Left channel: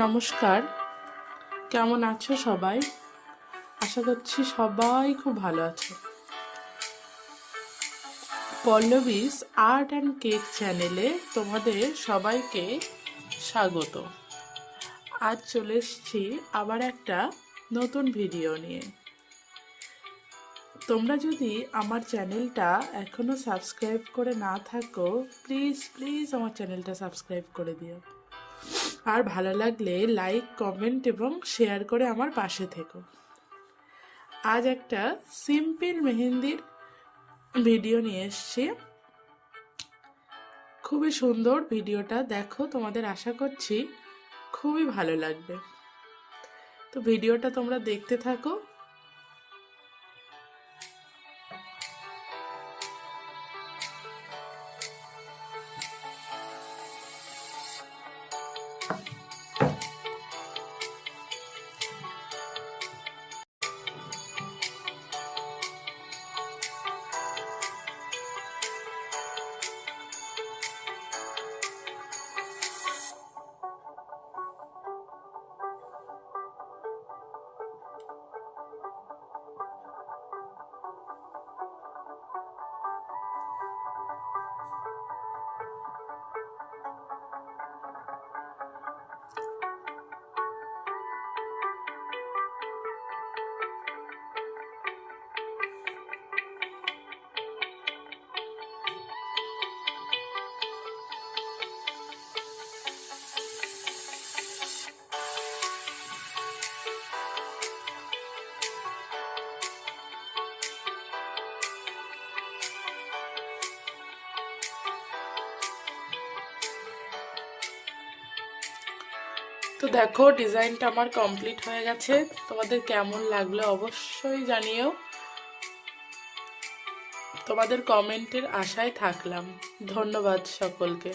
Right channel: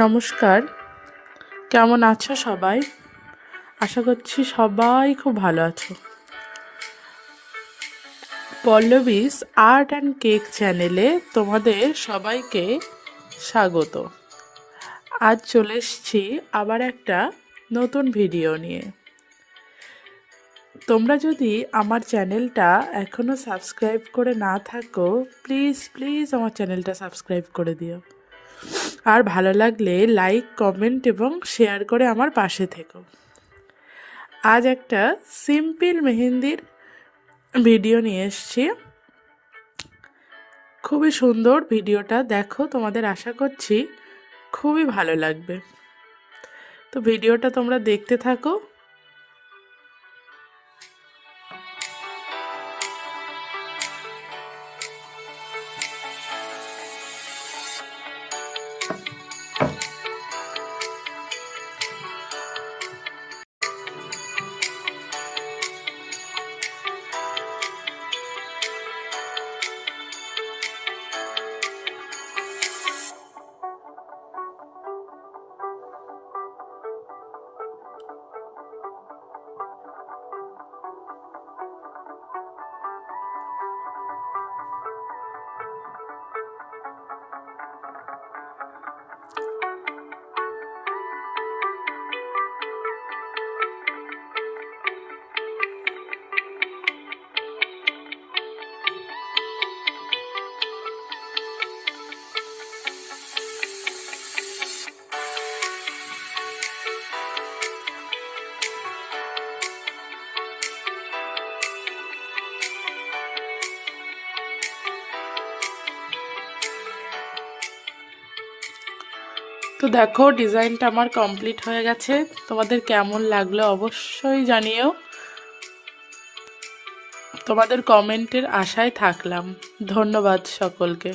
নমস্কার, কেমন আছো সবাই? আশা করছি সবাই খুব ভালো আছো। পল্লবীস আর্ট অ্যান্ড কেক চ্যানেলে তোমাদের সবাইকে স্বাগত। আজ চলে এসেছি আবার একটা নতুন ভিডিও নিয়ে। তোমরা যদি আমার চ্যানেলটা এখনও সাবস্ক্রাইব করে না থাকো, প্লিজ প্লিজ আমার চ্যানেলটা সাবস্ক্রাইব করে দিও। আর ভালো লাগলে লাইক, কমেন্ট এবং শেয়ার করে আমার পাশে থেকো। আজ একটা সিম্পল মেহেন্দির ভিডিও নিয়ে এসেছি। খুবই সুন্দর ভিডিওটা, দেখো, তোমাদের আশা করছি খুবই ভালো লাগবে। তো ভিডিওটা তোমরা দেখতে থাকো। তো দেখো, ডিজাইনটা আমার কমপ্লিট হয়ে গেছে। তোমাদের কেমন লাগলো অবশ্যই জানিও। তোমাদের কমেন্টের আশায় থাকলাম। ধন্যবাদ সকলকে।